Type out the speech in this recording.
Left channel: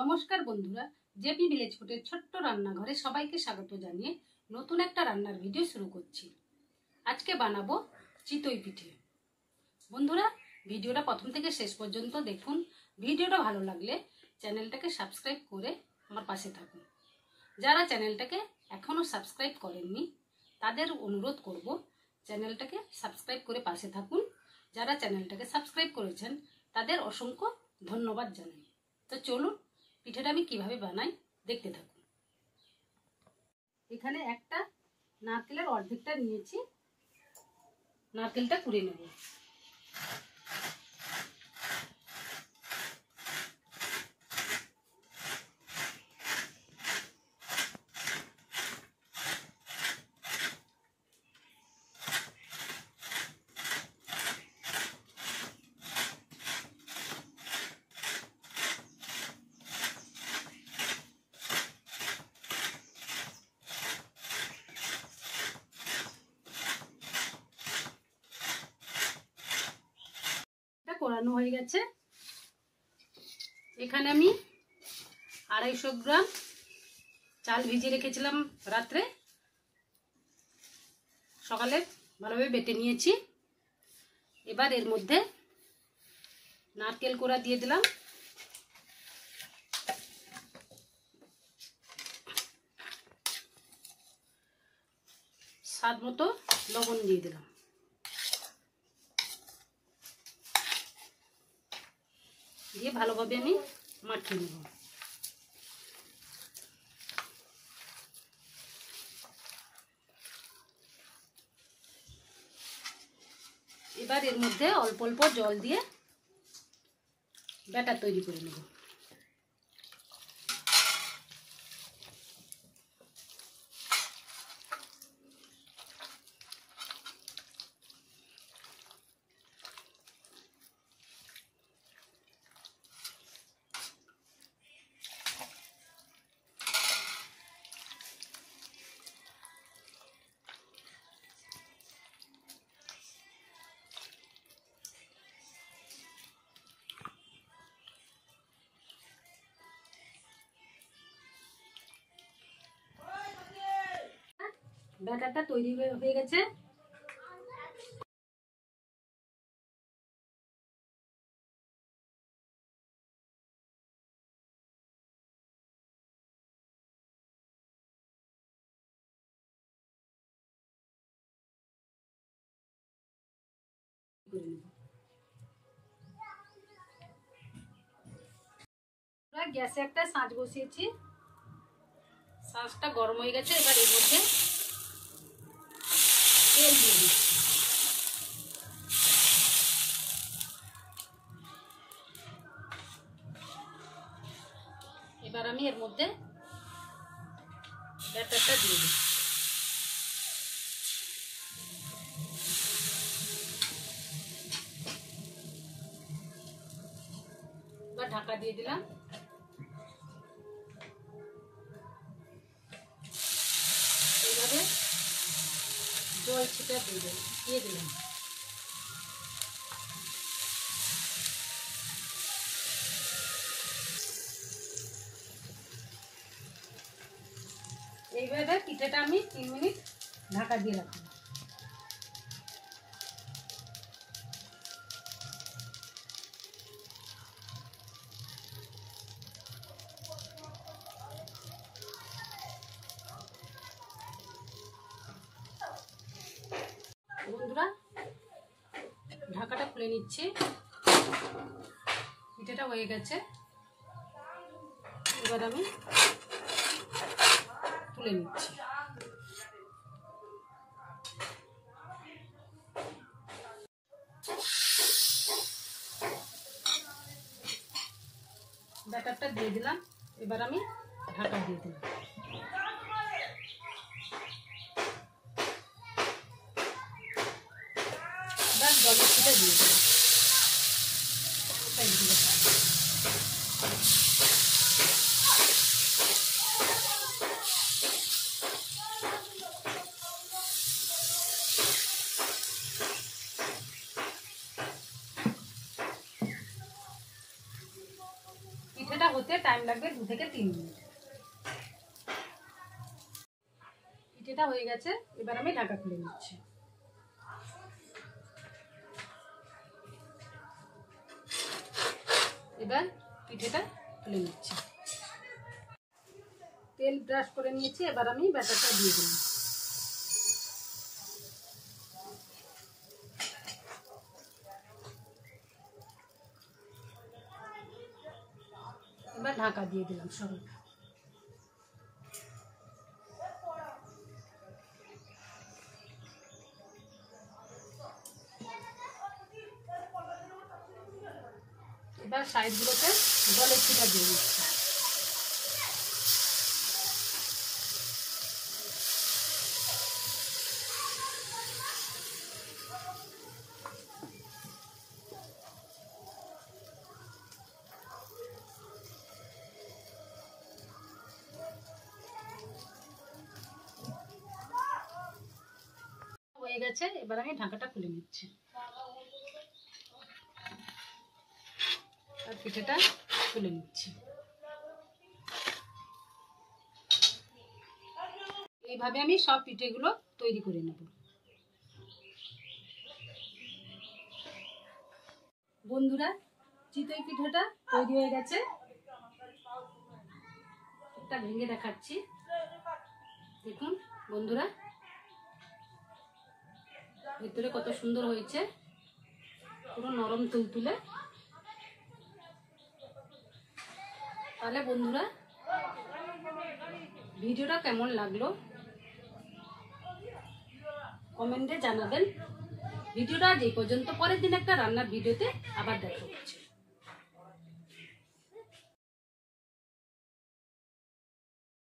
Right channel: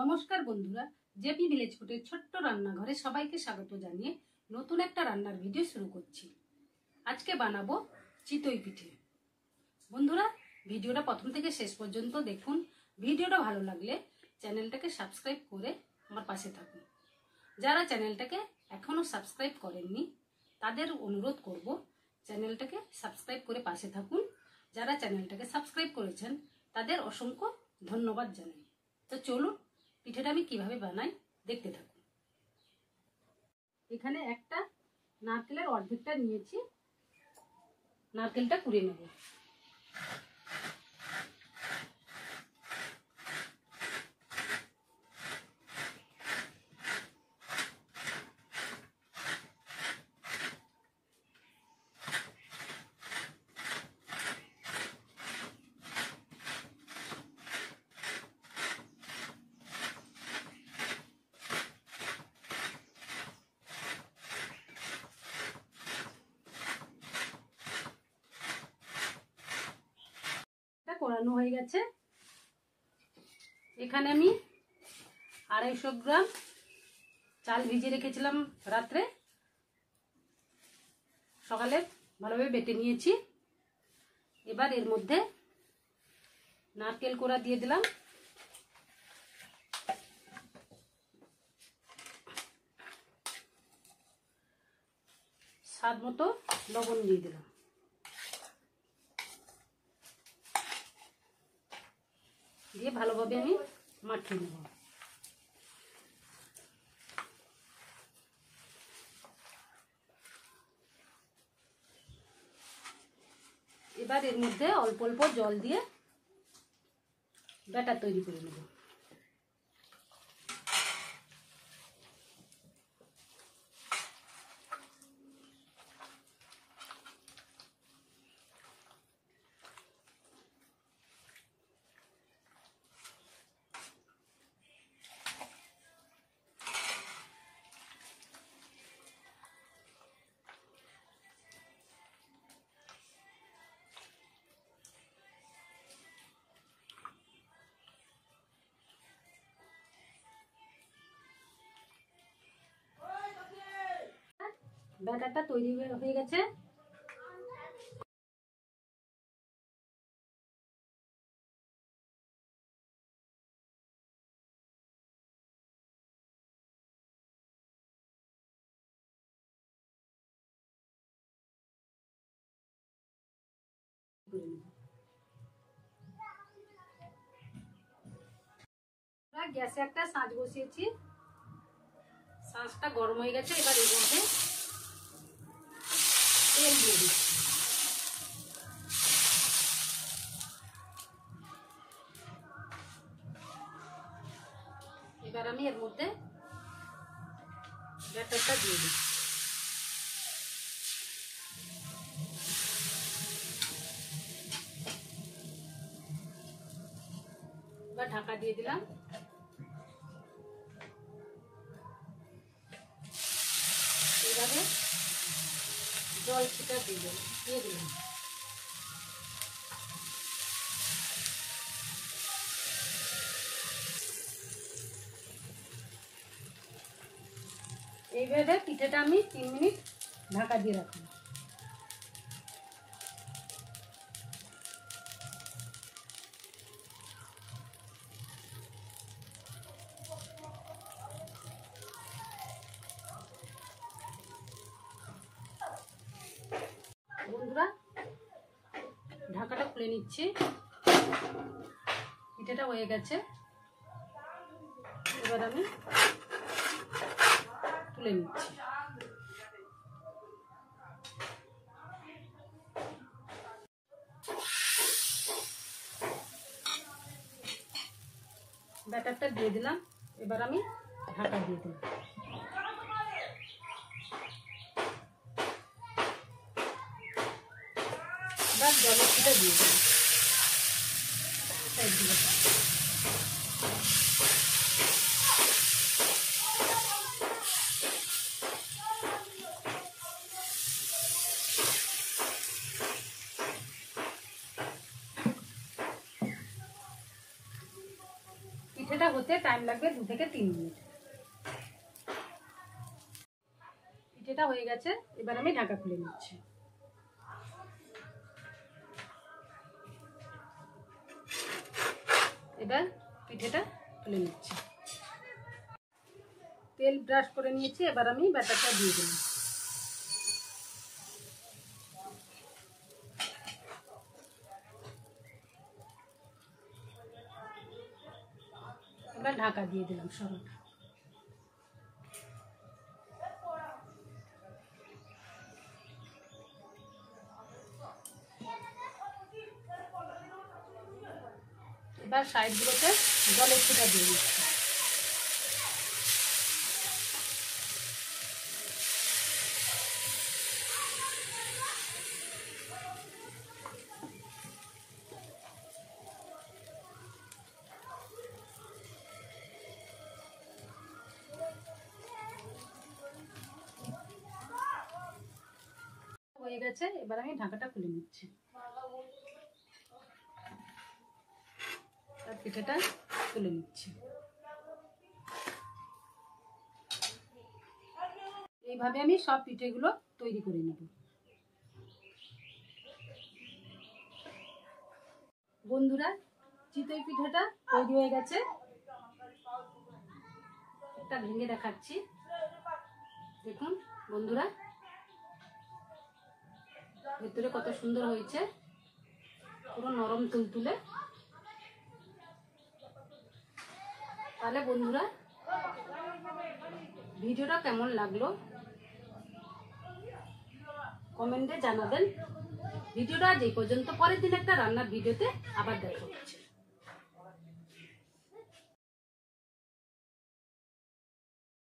নমস্কার বন্ধুরা, JP village ফুডের ছোট্ট রান্নাঘরে সবাইকে স্বাগত জানিয়ে নতুন একটা রান্নার ভিডিও শুরু করছি। আজকে বানাবো চিতই পিঠে। বন্ধুরা, ভিডিওটা প্রথম থেকে শেষ পর্যন্ত দেখুন। ভিডিওটা ভালো লাগলে চ্যানেলটাকে সাবস্ক্রাইব করে আমার পাশে থাকুন। যারা চ্যানেলটাকে এখনো সাবস্ক্রাইব করেননি তাদের অনুরোধ করব চ্যানেলটাকে সাবস্ক্রাইব করে পাশে থাকুন। যারা চ্যানেলটাকে সাবস্ক্রাইব করেছেন তাদের অসংখ্য ধন্যবাদ জানাই। তো চলুন পিঠেটা আমি কিভাবে বানাই দেখতে থাকুন। এখানে একটা নারকেলের অর্ধেকটা নিয়েছি, নারকেলটা কুড়ে নেব। কোরানো হয়ে গেছে। এখানে আমি 250 গ্রাম চাল ভিজিয়ে রেখেছিলাম রাত্রে, সকালে ভালোভাবে বেটে নিয়েছি। এবার এর মধ্যে নারকেল কোড়া দিয়ে দিলাম, স্বাদ মতো লবণ দিয়ে দিলাম, দিয়ে ভালোভাবে আমি মাখিয়ে নেব। এবার এর মধ্যে অল্প অল্প জল দিয়ে ব্যাটার তৈরি করে নেব। ব্যাটারটা তৈরি হয়ে গেছে। গ্যাসে একটা সাঁচ বসিয়েছি, সাঁচটা গরম হয়ে গেছে। এবার এর মধ্যে তেল দিয়ে দিচ্ছি। এবার আমি এর মধ্যে ব্যাটারটা দিয়ে দিচ্ছি। এবার ঢাকা দিয়ে দিলাম। এইভাবে জল ছিটা দিয়ে দিলাম। এইভাবে পিঠেটা আমি 3 মিনিট ঢাকা দিয়ে রাখবো। বন্ধুরা, ঢাকাটা খুলে নিচ্ছি। পিঠেটা হয়ে গেছে। এবার আমি তুলে নিচ্ছি। ব্যাটারটা দিয়ে দিলাম। এবার আমি ঢাকা দিয়ে দিলাম। এবার জলের ছিটা দিয়ে দিলাম। পিঠেটা হতে টাইম লাগবে 2 থেকে 3 মিনিট। পিঠেটা হয়ে গেছে, এবার আমি ঢাকা খুলে নিচ্ছি। এবার পিঠেটা তুলে নিচ্ছি। তেল ব্রাশ করে নিয়েছি, এবার আমি ব্যাটারটা দিয়ে দিলাম। এবার ঢাকা দিয়ে দিলাম সরু। এবার সাইডগুলোতে জলের ছিটা দিয়ে দিচ্ছি। হয়ে গেছে, এবার আমি ঢাকাটা খুলে নিচ্ছি। আর পিঠেটা তুলে নিচ্ছি। এইভাবে আমি সব পিঠেগুলো তৈরি করে নেব। বন্ধুরা, চিতই পিঠাটা তৈরি হয়ে গেছে। একটা ভেঙে দেখাচ্ছি, দেখুন বন্ধুরা, ভেতরে কত সুন্দর হয়েছে, পুরো নরম তুলতুলে। তাহলে বন্ধুরা, ভিডিওটা কেমন লাগলো কমেন্টে জানাবেন। ভিডিওটা যে পর্যন্ত, পরের দিন একটা রান্নার ভিডিওতে আবার দেখা হচ্ছে।